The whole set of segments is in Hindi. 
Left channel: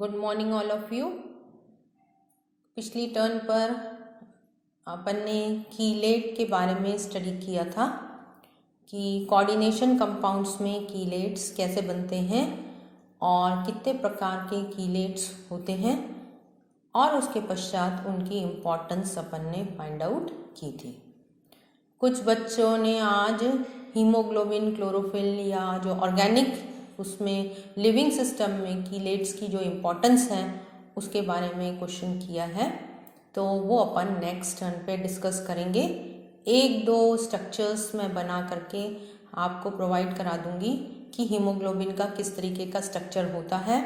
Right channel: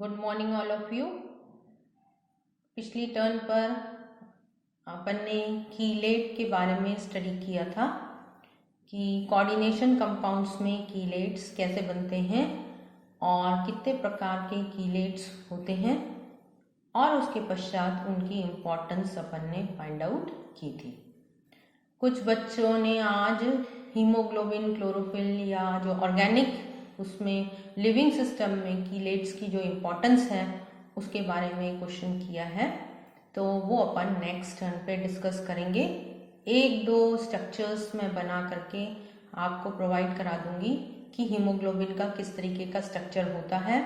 Good morning all of you. पिछली टर्न पर अपन ने कीलेट के बारे में स्टडी किया था कि कोऑर्डिनेशन कंपाउंड्स में कीलेट्स कैसे बनते हैं और कितने प्रकार के कीलेट्स होते हैं और उसके पश्चात उनकी इम्पोर्टेंस अपन ने फाइंड आउट की थी। कुछ बच्चों ने आज हीमोग्लोबिन, क्लोरोफिल या जो ऑर्गेनिक उसमें लिविंग सिस्टम में कीलेट्स की जो इम्पोर्टेंस है उसके बारे में क्वेश्चन किया है, तो वो अपन नेक्स्ट टर्न पे डिस्कस करेंगे। एक दो स्ट्रक्चर्स मैं बना करके आपको प्रोवाइड करा दूंगी कि हीमोग्लोबिन का किस तरीके का स्ट्रक्चर होता है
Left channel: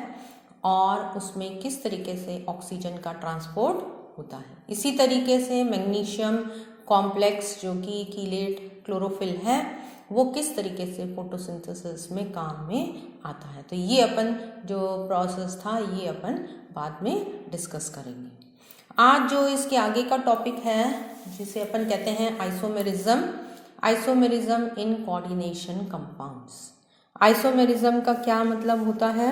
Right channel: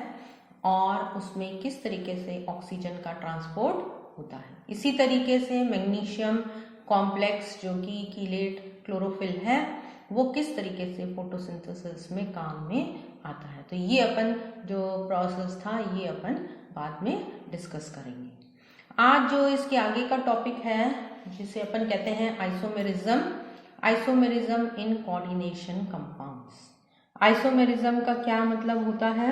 और उसमें किस तरीके से ऑक्सीजन का ट्रांसपोर्ट होता है। इसी तरीके से मैग्नीशियम कॉम्प्लेक्स जो कि कीलेट क्लोरोफिल है वो किस तरीके से फोटोसिंथेसिस में काम में आता है। तो ये अपन जो प्रोसेस था ये अपन बाद में डिस्कस करेंगे। आज जो इसके आगे का टॉपिक है जिसे अपन कहते हैं isomerism in coordination compounds. Isomerism का क्या मतलब होता है?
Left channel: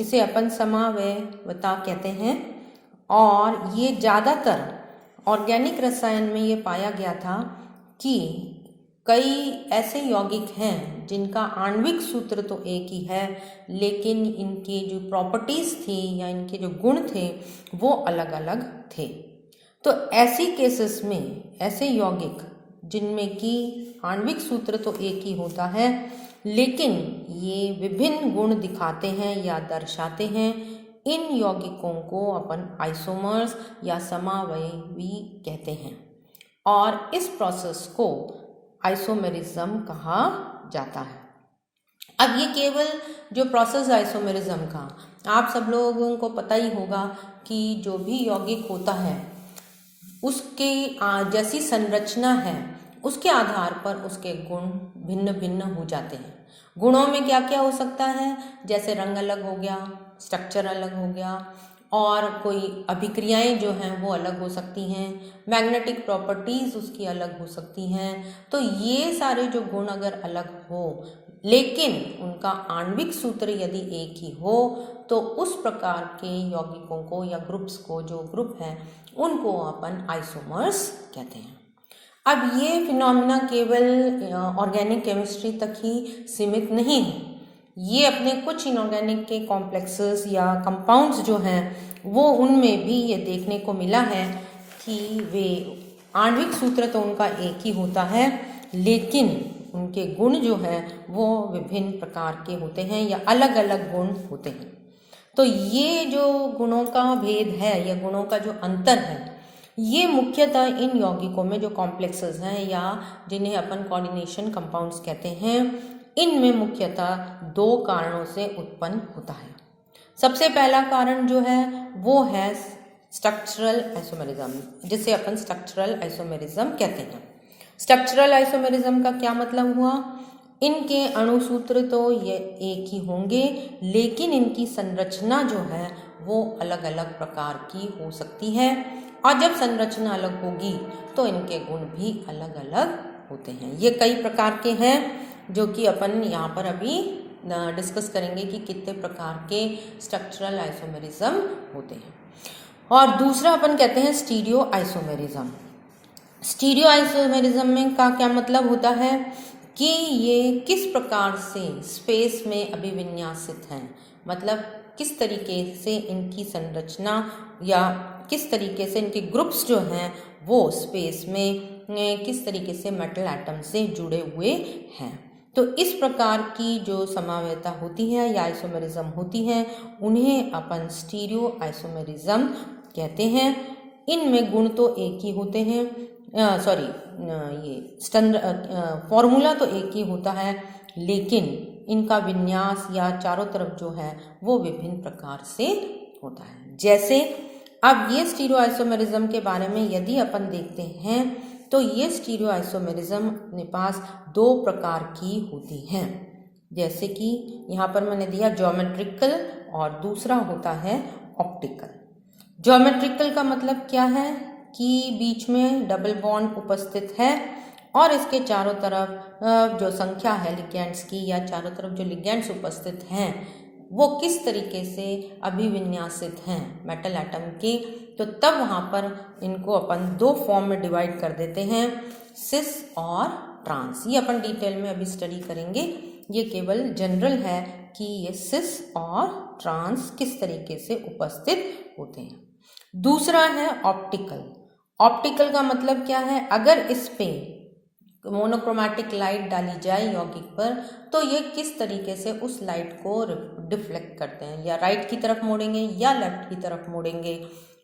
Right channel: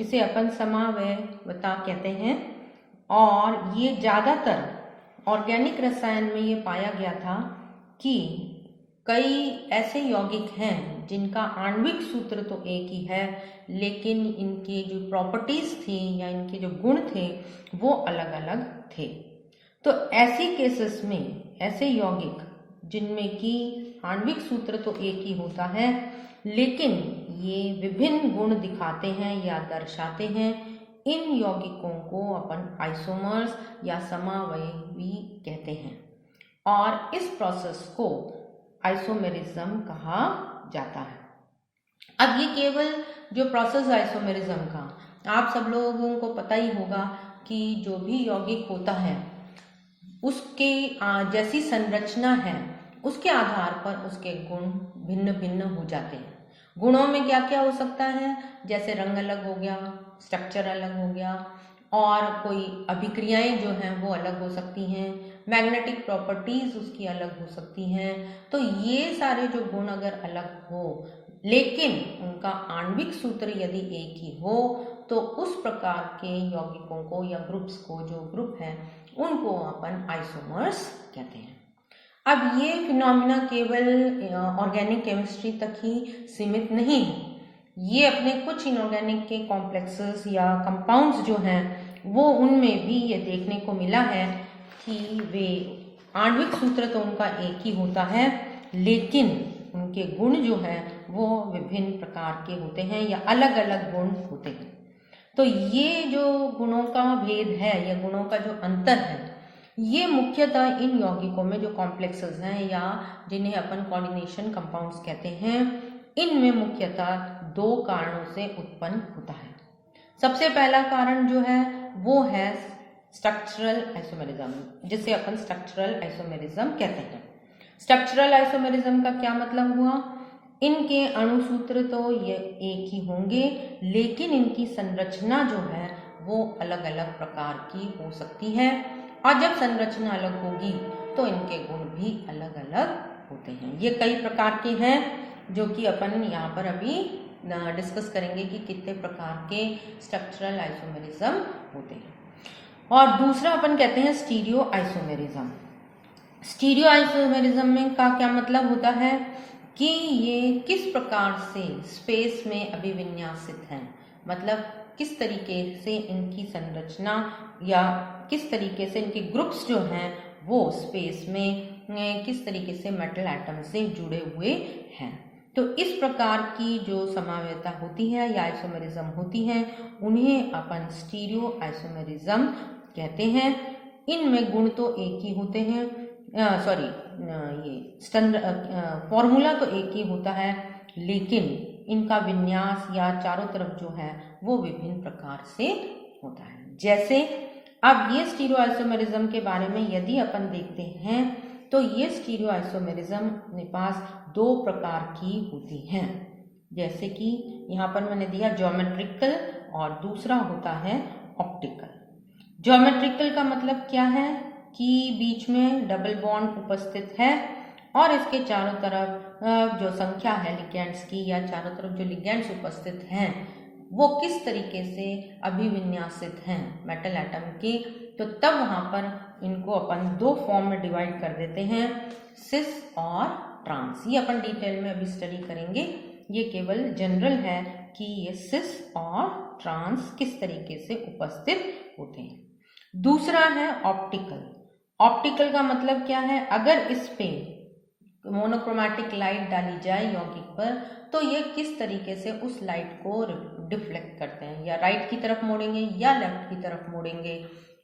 इसे अपन समावयवता कहते हैं और ये ज़्यादातर ऑर्गेनिक रसायन में ये पाया गया था कि कई ऐसे यौगिक हैं जिनका आणविक सूत्र तो एक ही है लेकिन इनके जो प्रॉपर्टीज थी या इनके जो गुण थे वो अलग अलग थे। तो ऐसी केसेस में ऐसे यौगिक जिनमें कि आणविक सूत्र तो एक ही होता है लेकिन ये विभिन्न गुण दिखाते हैं या दर्शाते हैं, इन यौगिकों को अपन आइसोमर्स या समावयवी कहते हैं और इस प्रोसेस को आइसोमेरिज्म कहा जाता है। अब ये केवल जो प्रोसेस आइसोमेरिज्म का आप सब लोगों को पता ही होगा कि जो भी यौगिक होता है उसके जैसी संरचना है उसके आधार पर उसके गुण भिन्न भिन्न हो जाते हैं। गुणों में क्या क्या हो सकता है, जैसे रंग अलग हो गया, स्ट्रक्चर अलग हो गया और कोई अभिक्रियाएं जो हैं वो अलग हो सकती हैं, मैग्नेटिक प्रॉपर्टीज उसकी अलग हो सकती हैं। तो ये सारे जो गुण अगर अलग हो लेकिन उनका आणविक सूत्र यदि एक ही हो तो उस प्रकार के यौगिकों को या ग्रुप्स को, जो ग्रुप हैं उनको अपन आइसोमर्स कहते हैं। अब ये फिनोमिना केवल ऑर्गेनिक केमिस्ट्री तक ही सीमित नहीं है, ये अपने कुछ इनऑर्गेनिक के कॉम्प्लेक्सेस या कंपाउंड्स जो हैं वो उनमें भी ये देखने को मिला है कि वे आणविक सूत्र तो उनका एक ही होता है लेकिन उनके गुण जो हैं वो विभिन्न प्रकार के होते हैं या अलग अलग गुण होते हैं। तो ये जो गुणों का भेद है या गुणों का जो अंतर है ये मुख्यतः इन यौगिकों में जो कॉम्प्लेक्सेस हैं या जिन्हें अपन कोऑर्डिनेशन कंपाउंड्स कहते हैं इनमें मुख्यतः दो कारणों से उत्पन्न होता है। सबसे पहला कारण जो है वो है स्ट्रक्चरल आइसोमेरिज्म, जिसे अपन स्ट्रक्चरल आइसोमेरिज्म कहते हैं। स्ट्रक्चरल आइसोमेरिज्म का क्या मतलब हुआ? इनके अणुसूत्र तो ये एक ही होंगे लेकिन इनकी संरचना जो है वो अलग अलग प्रकार की हो सकती है और जब संरचना अलग होगी तो इनके गुण भी अलग अलग होते हैं। ये कई प्रकार के हैं जो कि अपन यहाँ पर अभी डिस्कस करेंगे कि कितने प्रकार के स्ट्रक्चरल आइसोमेरिज्म होते हैं। और दूसरा अपन कहते हैं स्टीरियो आइसोमेरिज्म। स्टीरियो आइसोमेरिज्म में का क्या मतलब होता है कि ये किस प्रकार से स्पेस में अभिविन्यासित हैं, मतलब किस तरीके से इनकी संरचना या किस तरीके से इनके ग्रुप्स जो हैं वो स्पेस में किस तरीके से मेटल एटम से जुड़े हुए हैं। तो इस प्रकार की जो समावयता होती है या आइसोमेरिज्म होती है उन्हें अपन स्टीरियो आइसोमेरिज्म कहते हैं। इनमें गुण तो एक ही होते हैं, फॉर्मूला तो एक ही होता है लेकिन इनका विन्यास या चारों तरफ जो है वो विभिन्न प्रकार से होता है। जैसे अब ये स्टीरियो आइसोमेरिज्म के बारे में यदि अपन देखते हैं तो ये स्टीरियो आइसोमेरिज्म अपने पास दो प्रकार की होती हैं, जैसे कि यहाँ पर मैंने दिया ज्योमेट्रिकल और दूसरा होता है ऑप्टिकल। ज्योमेट्रिकल का मतलब क्या है कि बीच में डबल बॉन्ड उपस्थित है और इसके चारों तरफ जो संख्या है लिगेंड्स की या चारों तरफ जो लिगेंड्स उपस्थित हैं वो किस तरीके से अभिविन्यासित हैं मेटल एटम के, तो तब वहाँ पर इनको अपन दो फॉर्म में डिवाइड कर देते हैं, सिस और ट्रांस। ये अपन डिटेल में अभी स्टडी करेंगे, ये केवल जनरल है कि ये सिस और ट्रांस किस तरीके से उपस्थित होते हैं। दूसरा है ऑप्टिकल। ऑप्टिकल का मतलब क्या है, अगर इस पे मोनोक्रोमैटिक लाइट डाली जाए यौगिक पर तो ये किस तरीके से उस लाइट को डिफ्लेक्ट करते हैं, या राइट की तरफ मोड़ेंगे या लेफ्ट की तरफ मोड़ेंगे।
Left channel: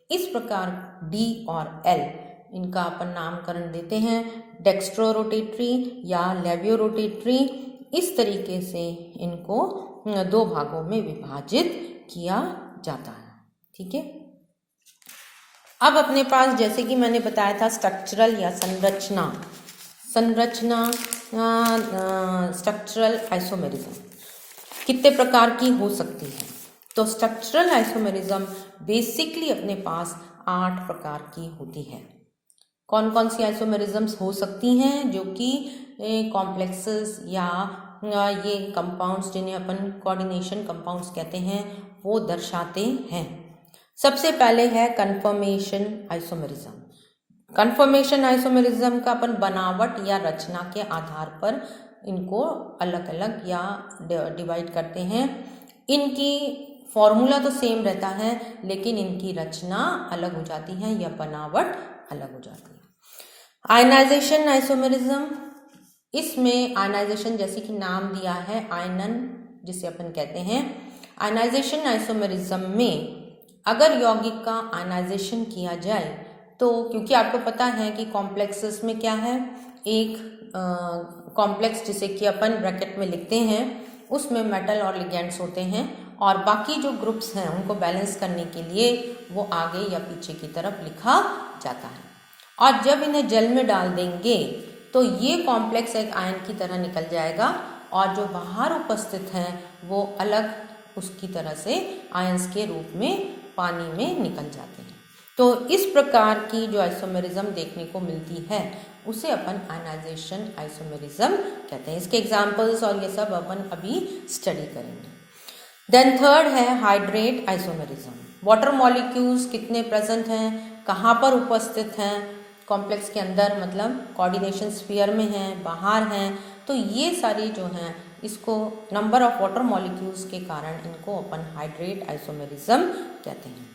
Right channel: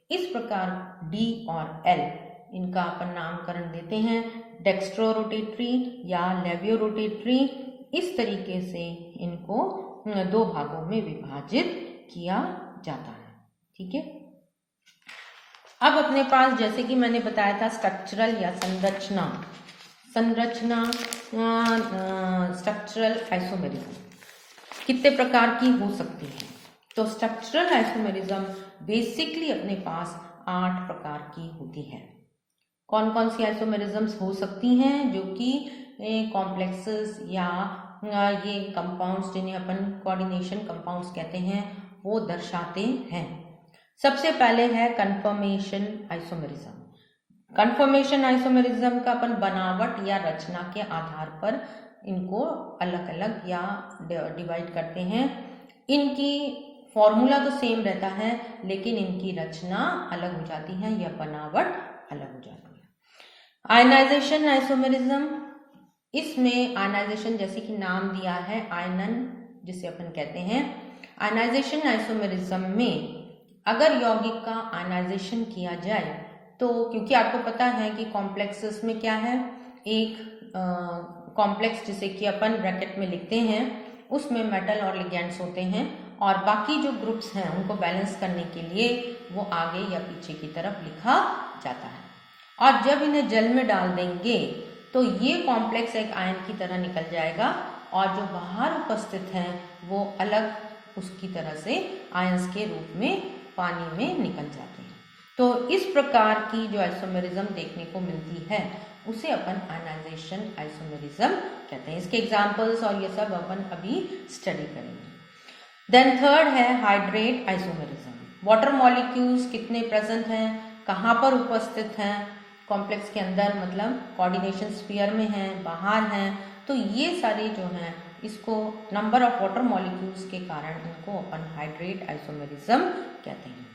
इस प्रकार डी और एल इनका अपन नामकरण देते हैं डेक्स्ट्रो रोटेटरी या लेवियो रोटेटरी। इस तरीके से इनको दो भागों में विभाजित किया जाता है। ठीक है, अब अपने पास जैसे कि मैंने बताया था स्ट्रक्चरल या संरचना स्ट्रक्चरल आइसोमेरिज्म कितने प्रकार की हो सकती है। तो स्ट्रक्चरल आइसोमेरिज्म बेसिकली अपने पास 8 प्रकार की होती है। कौन कौन सी आइसोमेरिज्म्स हो सकती हैं, जो कि कॉम्प्लेक्सेस या ये कंपाउंड्स जिन्हें अपन कोऑर्डिनेशन कंपाउंड्स कहते हैं वो दर्शाते हैं। सबसे पहले है कन्फर्मेशन आइसोमेरिज्म। कन्फर्मेशन आइसोमेरिज्म का अपन बनावट या रचना के आधार पर इनको अलग अलग या डिवाइड करते हैं। इनकी फॉर्मूला तो सेम रहता है लेकिन इनकी रचना अलग हो जाती है या बनावट अलग हो जाती है। आयनाइजेशन आइसोमेरिज्म, इसमें आयनाइजेशन जैसे कि नाम दिया है आयनन जिसे अपन कहते हैं। आयनाइजेशन आइसोमेरिज्म में अगर यौगिक का आयनाइजेशन किया जाए तो क्योंकि आपको पता है कि कॉम्प्लेक्सेस में क्या है, एक कॉम्प्लेक्स जिसे कि अपन ब्रैकेट में लिखते हैं उसमें मेटल और लिगेंड्स होते हैं और बाकी जो ग्रुप्स हैं उनको बैलेंस करने के लिए वो आगे या पीछे की तरफ लिखा जाता है। और जब इन्हें जल में डाल देंगे तो ये कॉम्प्लेक्स एक आयन की तरह निकल जाएगा और जो बाहर उपस्थित हैं वो अलग उसकी तरह से आयंस के रूप में पानी में निकल जाते हैं। तो इस प्रकार की जो आइसोमेरिज्म देखने को मिलती है उसे अपन आयनाइजेशन आइसोमेरिज्म कहते हैं। इसके एग्जाम्पल्स और ये सब अपन अभी स्टडी करेंगे। देन थर्ड है हाइड्रेट आइसोमेरिज्म। वाटर मॉलिक्यूल्स कितने प्रेजेंट हैं, कहाँ पर उपस्थित हैं कॉम्प्लेक्स के अंदर, मतलब कोऑर्डिनेशन स्फीयर में हैं, बाहर हैं, तो ये सारी जो हैं इसको नंबर ऑफ वाटर मॉलिक्यूल्स के कारण इनको अपन हाइड्रेट आइसोमेरिज्म कहते हैं।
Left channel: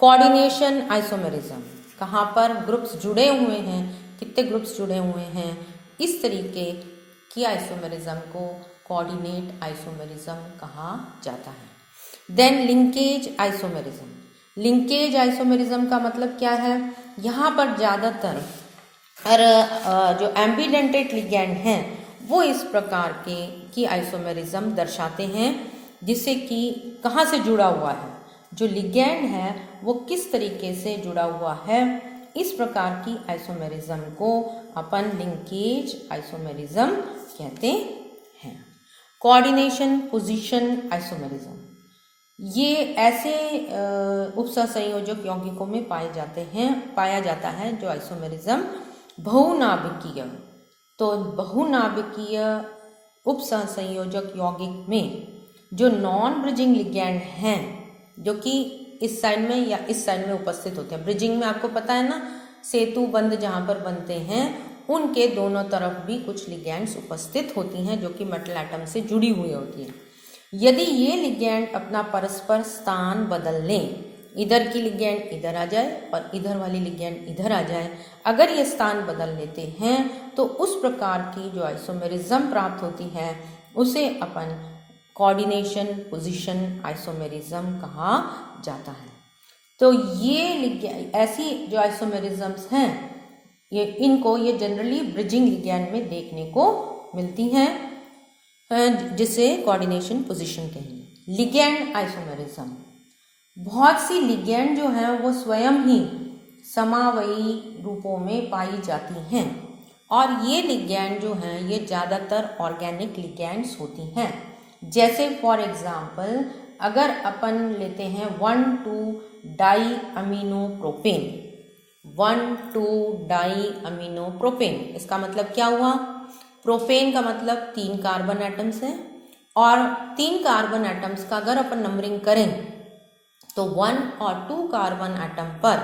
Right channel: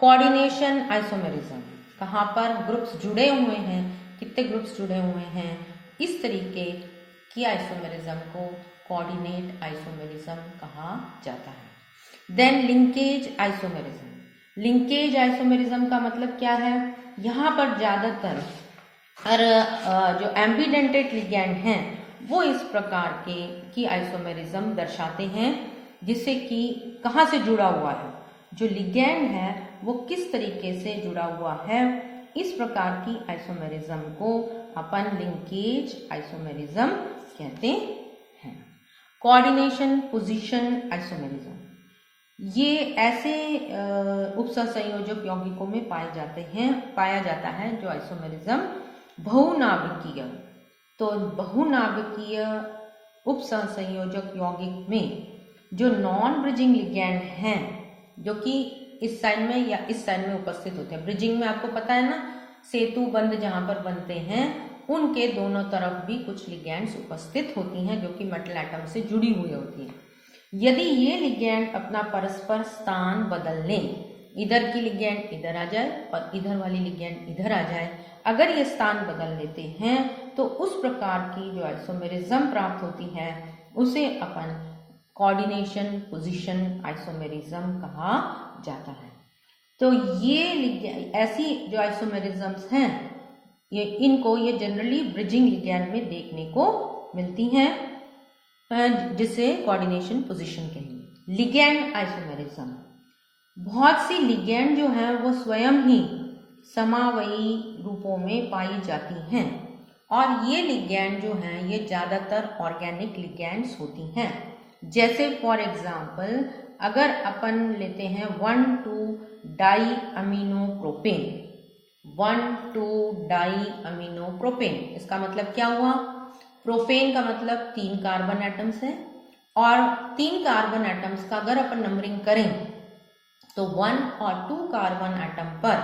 कोऑर्डिनेशन आइसोमेरिज्म, कहाँ पर ग्रुप्स जुड़े हुए हैं, कितने ग्रुप्स जुड़े हुए हैं, इस तरीके की आइसोमेरिज्म को कोऑर्डिनेट आइसोमेरिज्म कहा जाता है। Then linkage isomerism. Linkage isomerism का मतलब क्या है, यहाँ पर ज़्यादातर जो एम्बिडेंटेड लिगैंड हैं वो इस प्रकार की आइसोमेरिज्म दर्शाते हैं, जिससे कि कहाँ से जुड़ा हुआ है, जो लिगैंड है वो किस तरीके से जुड़ा हुआ है। इस प्रकार की आइसोमेरिज्म को अपन लिंकेज आइसोमेरिज्म कहते हैं। कोऑर्डिनेशन पोजीशन आइसोमेरिज्म, ये ऐसे उपसंयोजक यौगिकों में पाया जाता है जो आइसोमेरिज्म बहुनाभिकीय। तो बहुनाभिकीय उपसंयोजक यौगिक में जो नॉन ब्रिजिंग लिगैंड हैं जो कि इस साइड में या इस साइड में उपस्थित होते हैं। ब्रिजिंग में आपको पता है ना, सेतु बंध जहाँ पर बनते हैं उनके दोनों तरफ भी कुछ लिगैंड्स उपस्थित होती हैं जो कि मेटल एटम से जुड़ी हुई होती हैं। यदि ये लिगैंड अपना परस्पर स्थान बदल लें, इधर की लिगैंड इधर आ जाए और इधर वाली लिगैंड इधर आ जाए, अगर ये स्थान बदल लेते हैं तो उस प्रकार की जो आइसोमेरिज्म प्राप्त होती है उसे अपन कोऑर्डिनेशन पोजीशन आइसोमेरिज्म कहा जाता है। तो ये ऐसी जो आइसोमेरिज्म्स हैं ये जनरली ब्रिजिंग लिगैंड में देखने को मिलती हैं, जिसे कोऑर्डिनेशन पोजीशन कहेंगे। लिगैंड आइसोमेरिज्म, बहुत सी लिगैंड जो हैं वो स्वयं ही समावयी रूपों में पाई जाती हैं और ये लिगैंड जो हैं ये ज़्यादातर ऑर्गेनिक लिगैंड्स होती हैं। जैसे फॉर एग्जांपल अगर अपन लेते हैं 1,2-डाई अमीनो प्रोपेन, 1,2-डाई अमीनो प्रोपेन, इसका मतलब क्या हुआ, प्रोपेन का मतलब 3 कार्बन एटम्स हैं, और 3 कार्बन एटम्स का अगर अपन नंबरिंग करें तो 1 और 2 कार्बन एटम पर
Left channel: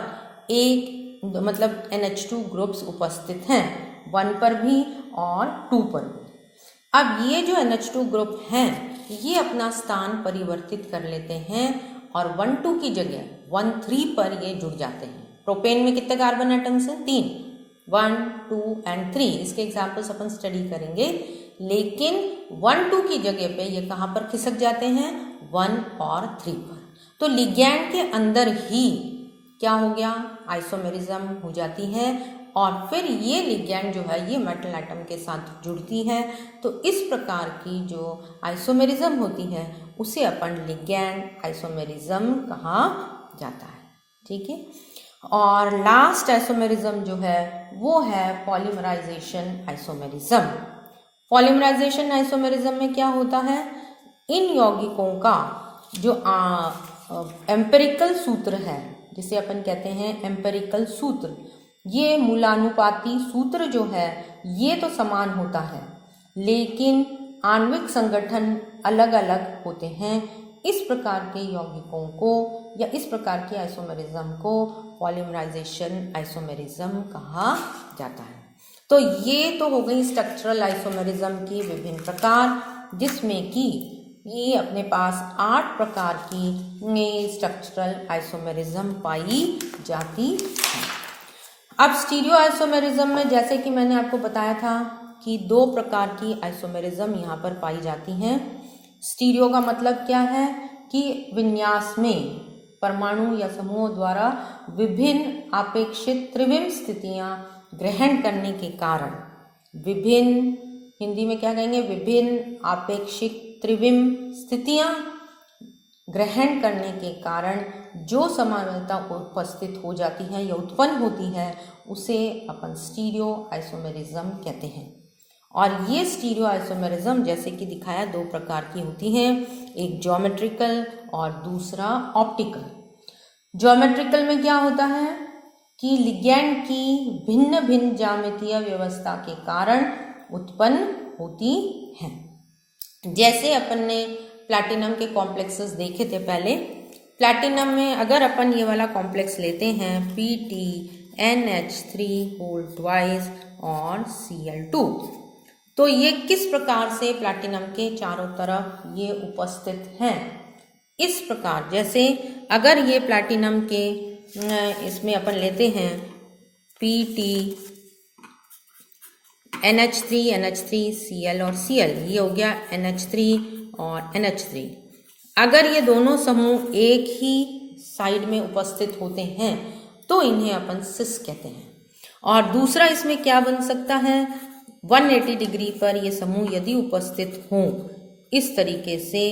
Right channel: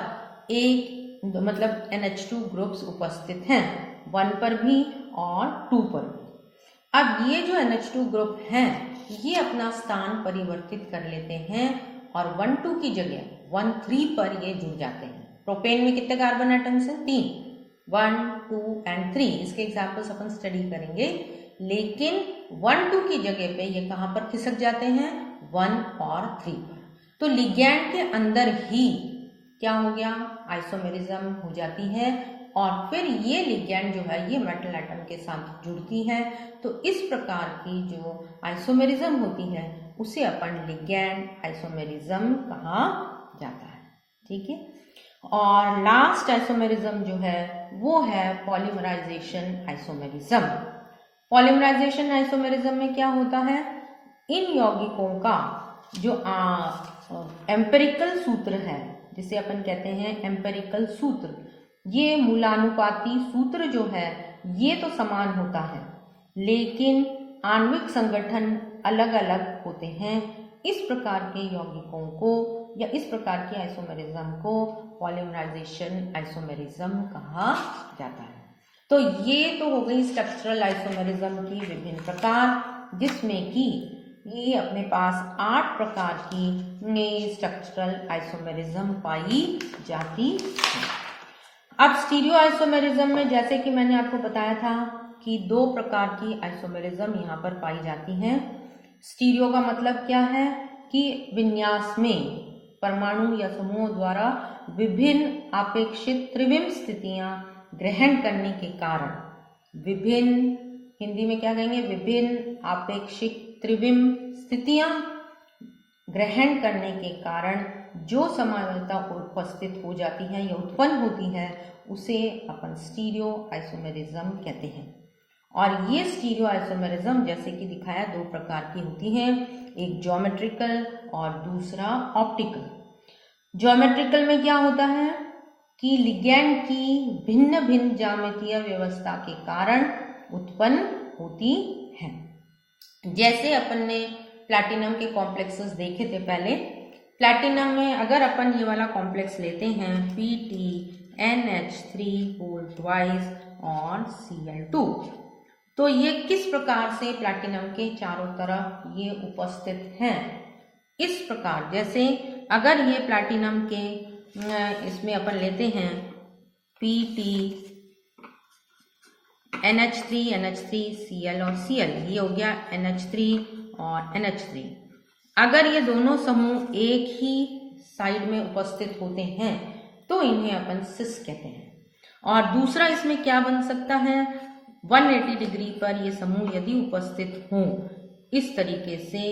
एक मतलब NH2 ग्रुप्स उपस्थित हैं, 1 पर भी और 2 पर भी। अब ये जो NH2 ग्रुप हैं ये अपना स्थान परिवर्तित कर लेते हैं और 1-2 की जगह 1-3 पर ये जुड़ जाते हैं। प्रोपेन में कितने कार्बन एटम्स हैं? 3, 1, 2 एंड 3। इसके एग्जाम्पल्स अपन स्टडी करेंगे, लेकिन 1-2 की जगह पे ये कहाँ पर खिसक जाते हैं? 1 और 3 पर। तो लिगैंड के अंदर ही क्या हो गया? आइसोमेरिज्म हो जाती है और फिर ये लिगैंड जो है ये मेटल एटम के साथ जुड़ती है। तो इस प्रकार की जो आइसोमेरिज्म होती है उसे अपन लिगैंड आइसोमेरिज्म कहा जाता है। ठीक है। और लास्ट आइसोमेरिज्म जो है वो है पॉलीमराइजेशन आइसोमेरिज्म। पॉलीमराइजेशन आइसोमेरिज्म में क्या होता है? इन यौगिकों का जो एम्पिरिकल सूत्र है, जिसे अपन कहते हैं एम्पिरिकल सूत्र, ये मूलानुपाती सूत्र जो है ये तो समान होता है, लेकिन आणविक संगठन अलग अलग होते हैं। इस प्रकार के यौगिकों को या इस प्रकार की आइसोमेरिज्म को पॉलीमराइजेशन आइसोमेरिज्म कहा जाता है। तो ये तो हो गई स्ट्रक्चरल आइसोमेरिज्म की विभिन्न प्रकार, जिसमें कि ये अपने पास 8 प्रकार की स्ट्रक्चरल आइसोमेरिज्म पाई जाती है। अब स्टीरियो आइसोमेरिज्म में जैसे कि मैंने आपको बताया था कि 2 प्रकार की आइसोमेरिज्म यहाँ पर पाई जाती हैं। स्टीरियो का मतलब क्या है कि विन्यास में परमाणु या समूहों द्वारा विभिन्न अपेक्षित त्रिविम स्थितियां ग्रहण करने के कारण, विभिन्न, हिंदी में क्या कहेंगे? विभिन्न अपेक्षित त्रिविम स्थितियां ग्रहण करने के कारण जो समानता उपस्थित हो जाती है या उत्पन्न होती है उसे अपन स्टीरियो आइसोमेरिज्म कहते हैं। और ये स्टीरियो आइसोमेरिज्म जैसे कि दिखाया 2 प्रकार की होती हैं, एक ज्योमेट्रिकल और दूसरा ऑप्टिकल। ज्योमेट्रिकल में क्या होता है कि लिगैंड की भिन्न भिन्न ज्यामितीय व्यवस्था के कारण उत्पन्न होती हैं। जैसे अपन ने प्लैटिनम के कॉम्प्लेक्सेस देखे थे पहले। प्लैटिनम में अगर अपन ये वाला कॉम्प्लेक्स लेते हैं PTNH3 होल ट्वाइस और Cl2, तो ये किस प्रकार से प्लैटिनम के चारों तरफ ये उपस्थित हैं? इस प्रकार, जैसे अगर ये प्लैटिनम के इसमें अपन लेते हैं NH3 Cl और Cl, ये हो गया NH3 और NH3। अगर ये दोनों समूह एक ही साइड में उपस्थित होते हैं तो इन्हें अपन सिस कहते हैं। और दूसरा इसमें क्या बन सकता है? 180 डिग्री पर ये समूह यदि उपस्थित हों इस तरीके से,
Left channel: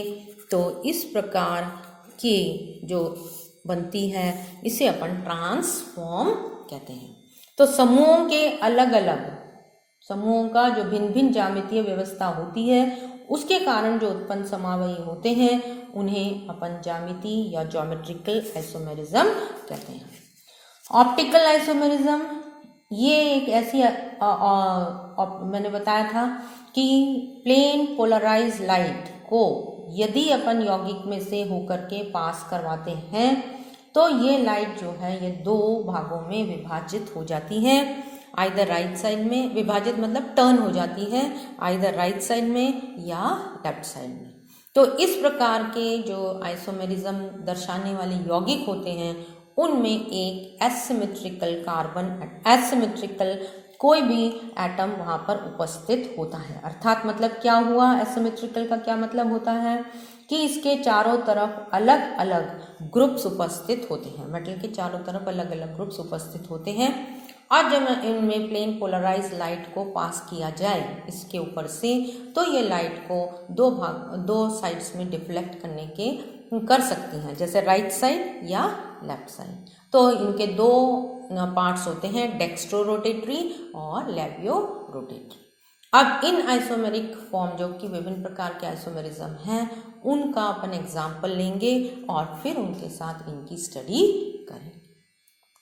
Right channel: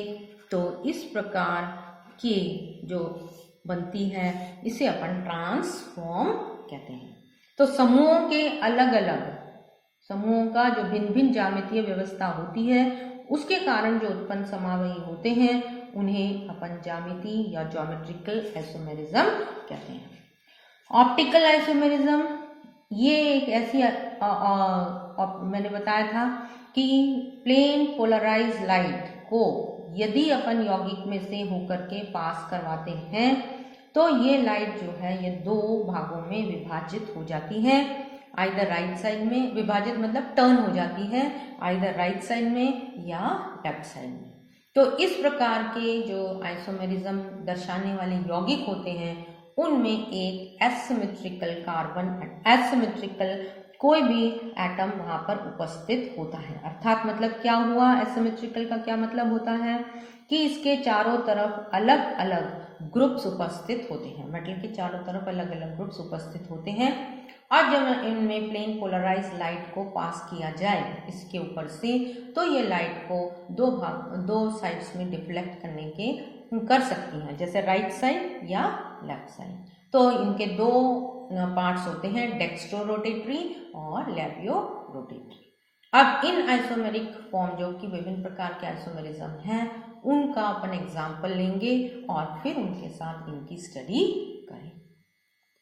तो इस प्रकार की जो बनती है इसे अपन ट्रांसफॉर्म कहते हैं। तो समूहों के अलग अलग समूहों का जो भिन्न भिन्न ज्यामितीय व्यवस्था होती है उसके कारण जो उत्पन्न समावयी होते हैं उन्हें अपन ज्यामिति या ज्योमेट्रिकल आइसोमेरिज्म कहते हैं। ऑप्टिकल आइसोमेरिज्म ये एक ऐसी मैंने बताया था कि प्लेन पोलराइज लाइट को यदि अपन यौगिक में से होकर के पास करवाते हैं तो ये लाइट जो है ये 2 भागों में विभाजित हो जाती है। आइदर राइट साइड में विभाजित मतलब टर्न हो जाती है, आइदर राइट साइड में या लेफ्ट साइड में। तो इस प्रकार के जो आइसोमेरिज्म दर्शाने वाले यौगिक होते हैं उनमें एक एसिमेट्रिकल एसिमेट्रिकल कोई भी एटम वहां पर उपस्थित होता है। अर्थात मतलब क्या हुआ? एसिमेट्रिकल का क्या मतलब होता है कि इसके चारों तरफ अलग अलग ग्रुप्स उपस्थित होते हैं। मेटल के चारों तरफ अलग अलग ग्रुप्स उपस्थित होते हैं और जब इनमें प्लेन पोलराइज लाइट को पास किया जाए इसके ऊपर से, तो ये लाइट को 2 साइड्स में डिफ्लेक्ट करने के कर सकती हैं, जैसे राइट साइड या लेफ्ट साइड। तो इनके 2 पार्ट्स होते हैं, डेक्स्ट्रो रोटेटरी और लेवियो रोटेटरी। अब इन आइसोमेरिक फॉर्म जो कि विभिन्न प्रकार के आइसोमेरिज्म हैं उनका अपन एग्जाम्पल लेंगे और फिर उनके साथ इनकी स्टडी